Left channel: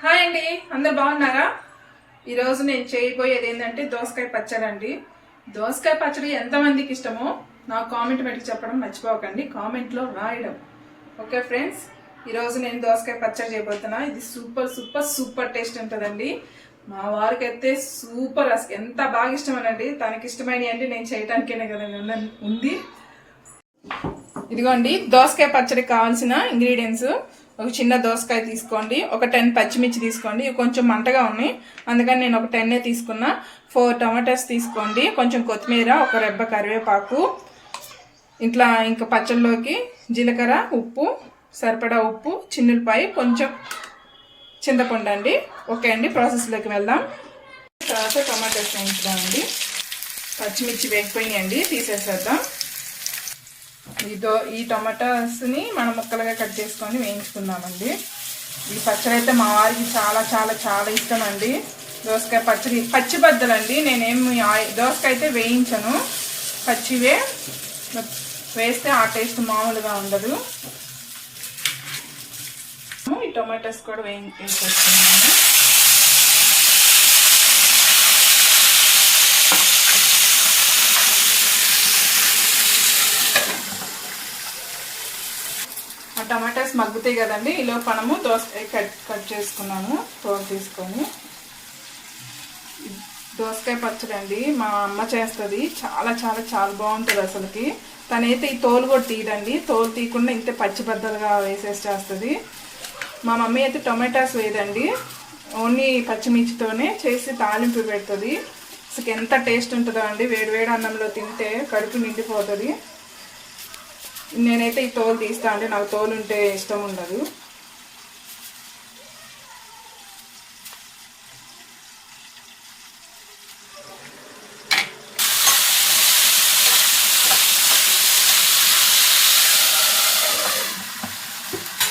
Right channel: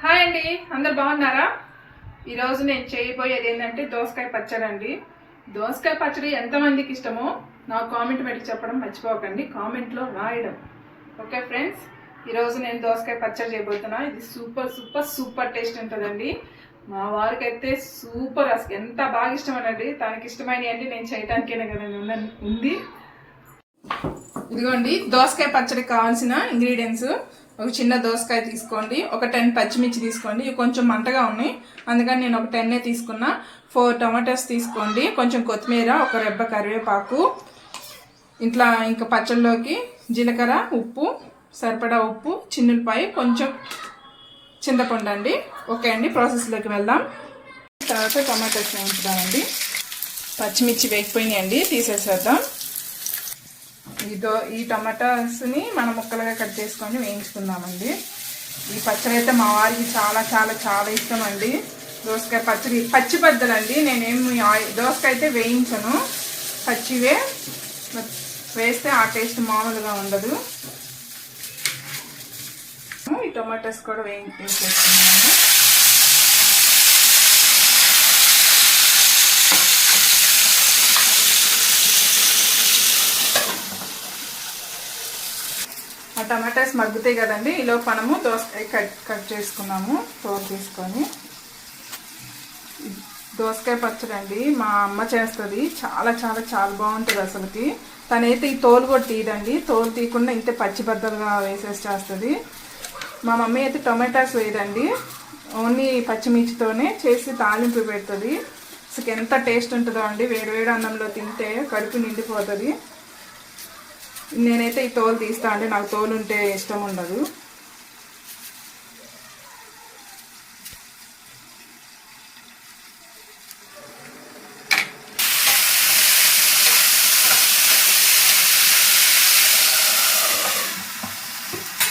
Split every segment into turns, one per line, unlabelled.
Hi అండి అందరు బాగున్నారా? ఈరోజు నేను చేయబోయేది ఏంటంటే దోసకాయ పచ్చడి అండి దోసకాయ పచ్చడి ఎంతమందికి ఇష్టమో నాకు కామెంట్ పెట్టి చెప్పడం మర్చిపోకండి కామెంట్లో రాయడం. ఓకే ఫ్రెండ్స్ ఈరోజు నేను దోసకాయ పచ్చడి చేయబోతున్నా. ఇది సూపర్ సూపర్ సూపర్ టేస్ట్ ఉంటుందండి. మా వారికి అయితే సూపర్ అసలు ఎంత బాగా ఇష్టమనండి. తనకి ఇష్టమైనవి అంటే నేను చేయటానికేనే కదా ఉంది. ఇదిగోండి దోసకాయ పచ్చడికి కావాల్సిన ఇంగ్రీడియంట్స్. ఒక చిన్న దోసకాయ తీసుకోండి ఒక టెన్ పచ్చిమిర్చి తీసుకోండి. ఇవి కొంచెం మంటగా ఉన్నాయి. అందుకని నేను ఒక టెన్నే తీసుకున్నా. ఫోర్ టమాటాస్ తీసుకోండి. కొంచెం కొత్తిమీర ఒక రెబ్బ కరివేపాకు ఇట్లా ఇంకా పచ్చళ్ళలోకి జీలకర్ర ఉప్పు సరిపడా ఉప్పు చిన్నులపాయ కొంచెం చింతపండు అండి. ఓకే అండి ప్రాసెస్లోకి వెళ్దాం. తర్వాత టమాటాస్ వేయించుదామండి. పచ్చిమిర్చి వేగిపోయినాయండి తీసేసేద్దాం. ఇదో ఈ టమాటాస్ని మనం ముక్కలుగా కట్ చేసుకొని వేయించుకుందామండి. ఈ పచ్చడి అయితే మా వారికి చాలా చాలా చాలా ఇష్టం అండి దోసకాయ పచ్చడి పచ్చి బద్దలండి. నేనేమి దోసకాయ అయితే వేయించను. పచ్చివే వేస్తే ఆ టేస్ట్ మామూలుగా ఉండదు. ఈ టొమాటోస్ కూడా వేయించేసుకున్నాము టమాటాస్ మగ్గుతాయి కదండి ఈలో మనము దోసకాయ కట్ కట్ చేసుకున్నాము కూర తీసుకొని. దోసకాయ పచ్చడి అండి మా అమ్మ చేస్తుంది చాలా చాలా చాలా బాగుంటుంది అసలుకి. తనైతే ఈ తోలు కూడా తీయదండి తోలు తీయకుండా ఇంతే పచ్చి బద్దలుగా వేసేసి చేస్తుంది. మా మమ్మీ అయితే టొమాటోస్ వేయదండి ఓన్లీ పచ్చిమిర్చితోనే చేసి తాలింపు పెడుతుంది. అసలు ఎంత టేస్ట్ ఉంటుందో అండి వేడి వేడి అన్నంలో తింటే కడుపు నిండిపోతుంది. నేనైతే ఈ తోలు తీస్తా అండి నాకు తోలు ఉంటే ఇష్టం ఉండదు.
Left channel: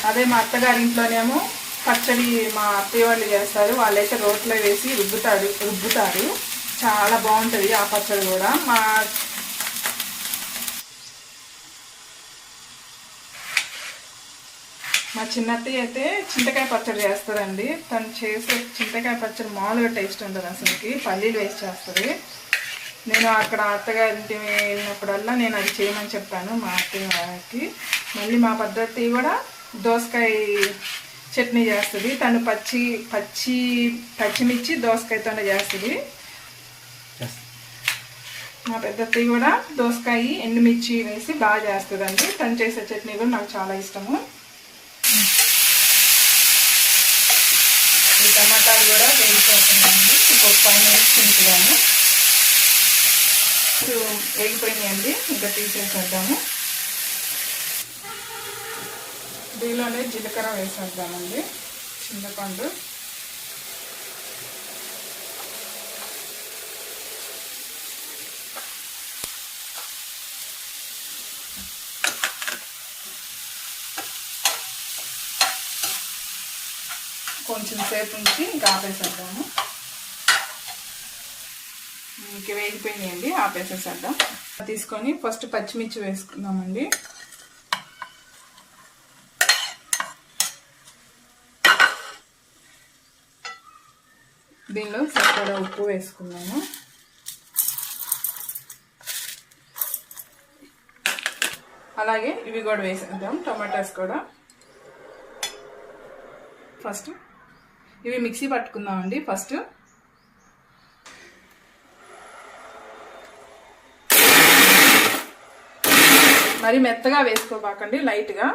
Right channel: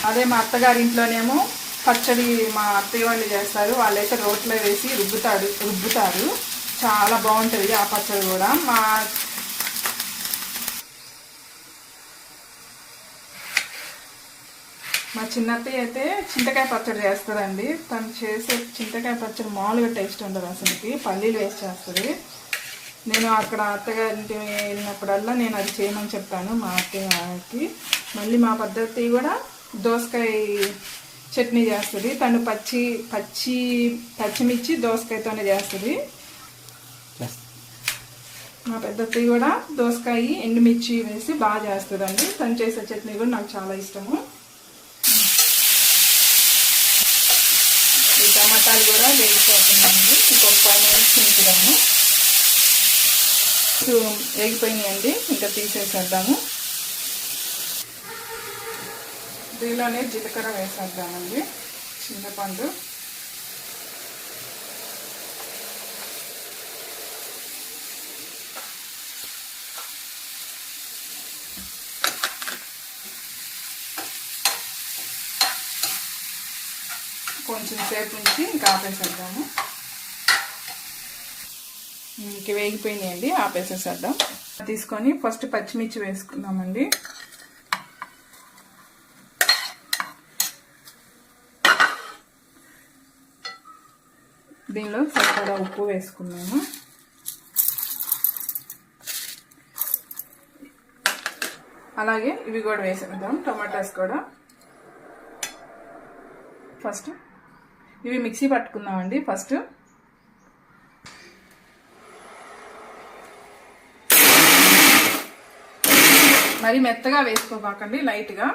అదే మా అత్తగారి ఇంట్లోనేమో పచ్చడి మా అత్తయ్య వాళ్ళు చేస్తారు. వాళ్ళైతే రోట్లో వేసి రుబ్బుతారు రుబ్బుతారు. చాలా బాగుంటుంది ఆ పచ్చడి కూడా. మా మా చిన్నత్తయ్య అయితే చింతకాయ పచ్చడి చేస్తుందండి. తను చేసే చింతకాయ పచ్చడి మామూలుగా టేస్ట్ ఉండదు అసలుకి. పల్లీలు వేసి చేస్తుంది. నేను అక్కడ అత్తగారింటి వెళ్ళినప్పుడల్లా నేను అది చేయమని చెప్తాను మా అత్తయ్య వారికి. మళ్ళీ మా పద్ధతి కూడా దోసకాయ చట్నీ చేస్తుంది. తను పచ్చి పచ్చి పచ్చిమిర్చి దోసకాయతోనే చేస్తుంది. మా పెద్దత్తి కూడా దోసకాయ ఎండుమిర్చి వేసి బాగా చేస్తుందండి. తను చేసే చట్నీ కూడా నాకు చాలా ఇష్టము. ఈ టమాటాలు కూడా వేగిపోతున్నాయండి. ఇంకొకసారి ఫైవ్ వేగిపోయినాయండి. ఇంకా తీసేసేద్దాము. దీనిలోనే జీలకర్ర వేసేద్దామండి. చింతపండు కొంచెం సేపు ఉంచి ఇంకా ఆపేసేద్దాము. ఇంక వేగిపోయినాయండి ఆపేసేసేద్దాం. తీసుకొని ఫస్ట్ పచ్చిమిర్చి వేసుకుందామండి. దీనిలో సరిపడా ఉప్పు వేసుకున్నాము అలాగే ఇవి కూడా వేసేద్దాం టమాటాస్ కూడా. ఫస్ట్ ఇవి మిక్సీ పట్టుకుందామండి ఫస్ట్. మరి మెత్తగా వేసుకోబాకండి లైట్గా.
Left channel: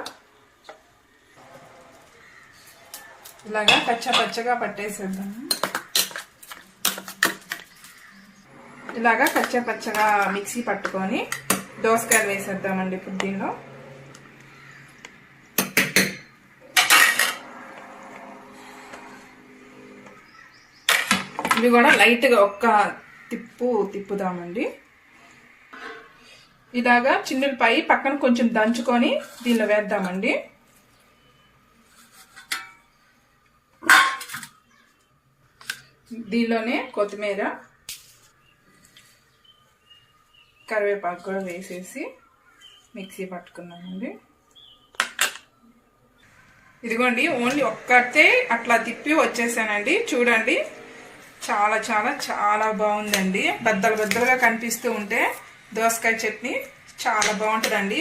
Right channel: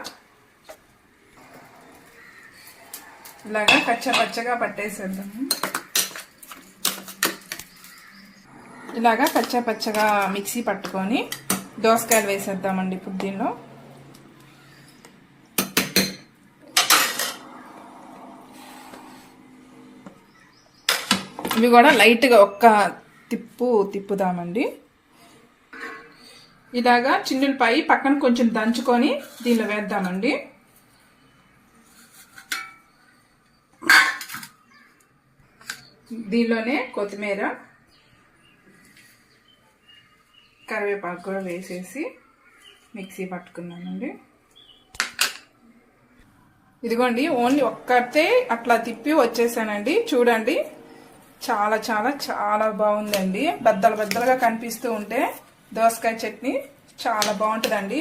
ఇలాగా పచ్చ పచ్చగా పట్టేసేద్దాము ఇలాగా పచ్చ పచ్చగా మిక్సీ పట్టుకొని దోసకాయలు వేసేద్దామండి ఇప్పుడు దీనిలో ఇవి కూడా లైట్గా ఒక్క తిప్పు తిప్పుదామండి. ఇలాగా చిన్నులపై పక్కన కొంచెం దంచుకొని దీనిలో వేద్దామండి. దీనిలోనే కొత్తిమీర కరివేపాకు కూడా వేసేసి మిక్సీ పట్టుకుందామండి. ఇదిగోండి ఓన్లీ ఒక్కటే అట్లా తిప్పి వచ్చేసానండి. చూడండి. చాలా చాలా చాలా బాగుందండి. బద్దలు బద్దలుగా కనిపిస్తూ ఉంటే దోసకాయ చట్నీ చాలా బాగుంటుందండి.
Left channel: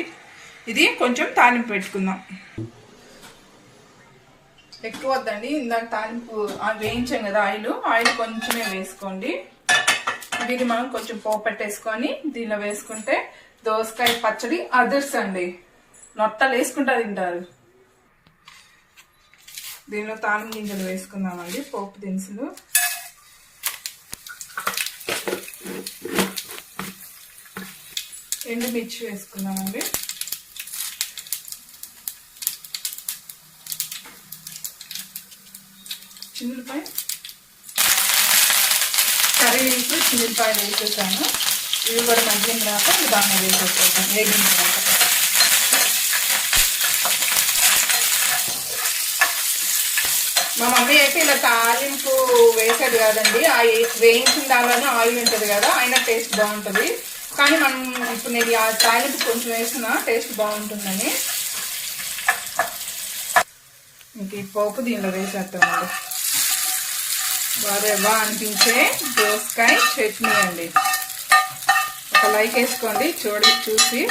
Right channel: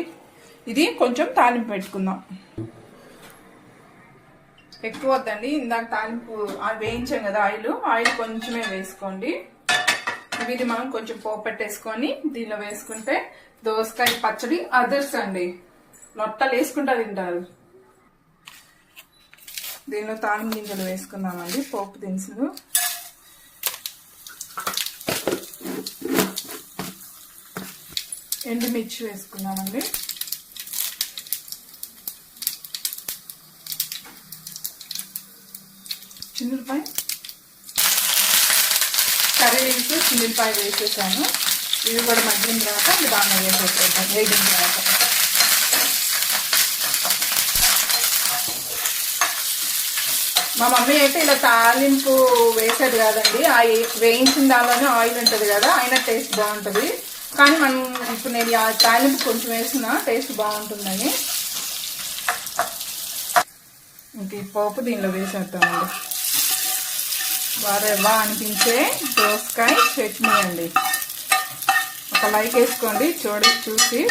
ఇది కొంచెం తాలింపు పెట్టుకుందాం. ఎక్కువ వద్దండి. ఇందాక తాలింపు వేయించాం కదా ఆయిల్. ఆయిల్ కొంచెమే వేసుకోండి. ఇప్పుడు ఇది మనం కొంచెం పోపు పెట్టేసుకొని దీనిలో వేసుకుంటే దోసకాయ పచ్చడి అదర్స్ అండి. నొట్టలు వేసుకుంటా తింటారు. దీనిలో తాలింపు గింజలు వేసుకున్నామండి పోపు దినుసులు. ఎండుమిర్చి వేసుకున్నామండి చిన్నులపాయ. కర్రీ లీవ్స్ చిన్నులపాయ వేసేసాను. ఇవి కూడా మగ్గిన తర్వాత దాన్ని వేసేసేద్దాం. వేగిన తర్వాత. మా మమ్మీ అయితే ఇలా తాలింపు వేసేది కాదండి. ఆ ఏ- వేయించిన దానిలోనే ఆయిల్ ఉంటుంది కదా అయినా టేస్ట్ బాగుంటుంది. కానీ మనం ఇప్పుడు నేను ఆ తాలింపు కొంచెం వేసిన టేస్ట్ బాగుంటుందని. ఇంక ఈ పోపు దీనిలో వేసేద్దామండి. వారెవా అనిపించే దోసకాయ చట్నీ అండి. ఒక లైక్ వేసుకోండి చూడి చూసి.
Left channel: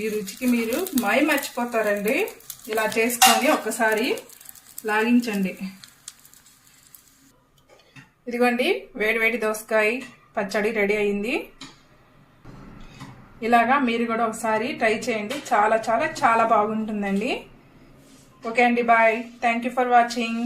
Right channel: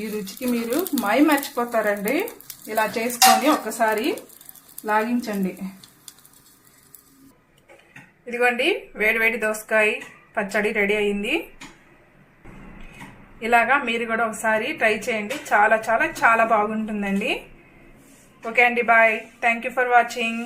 ఈ రుచికి మీరు మై మర్చిపోతారండి. ఇలా చేసుకోండి ఒక్కసారి లాగించండి. ఇదిగోండి వేడి వేడి దోసకాయ పచ్చడి రెడీ అయింది. ఇలాగా మీరు కూడా ఒకసారి ట్రై చేయండి. చాలా చాలా చాలా బాగుంటుందండి. ఓకే అండి bye. Thank you for watching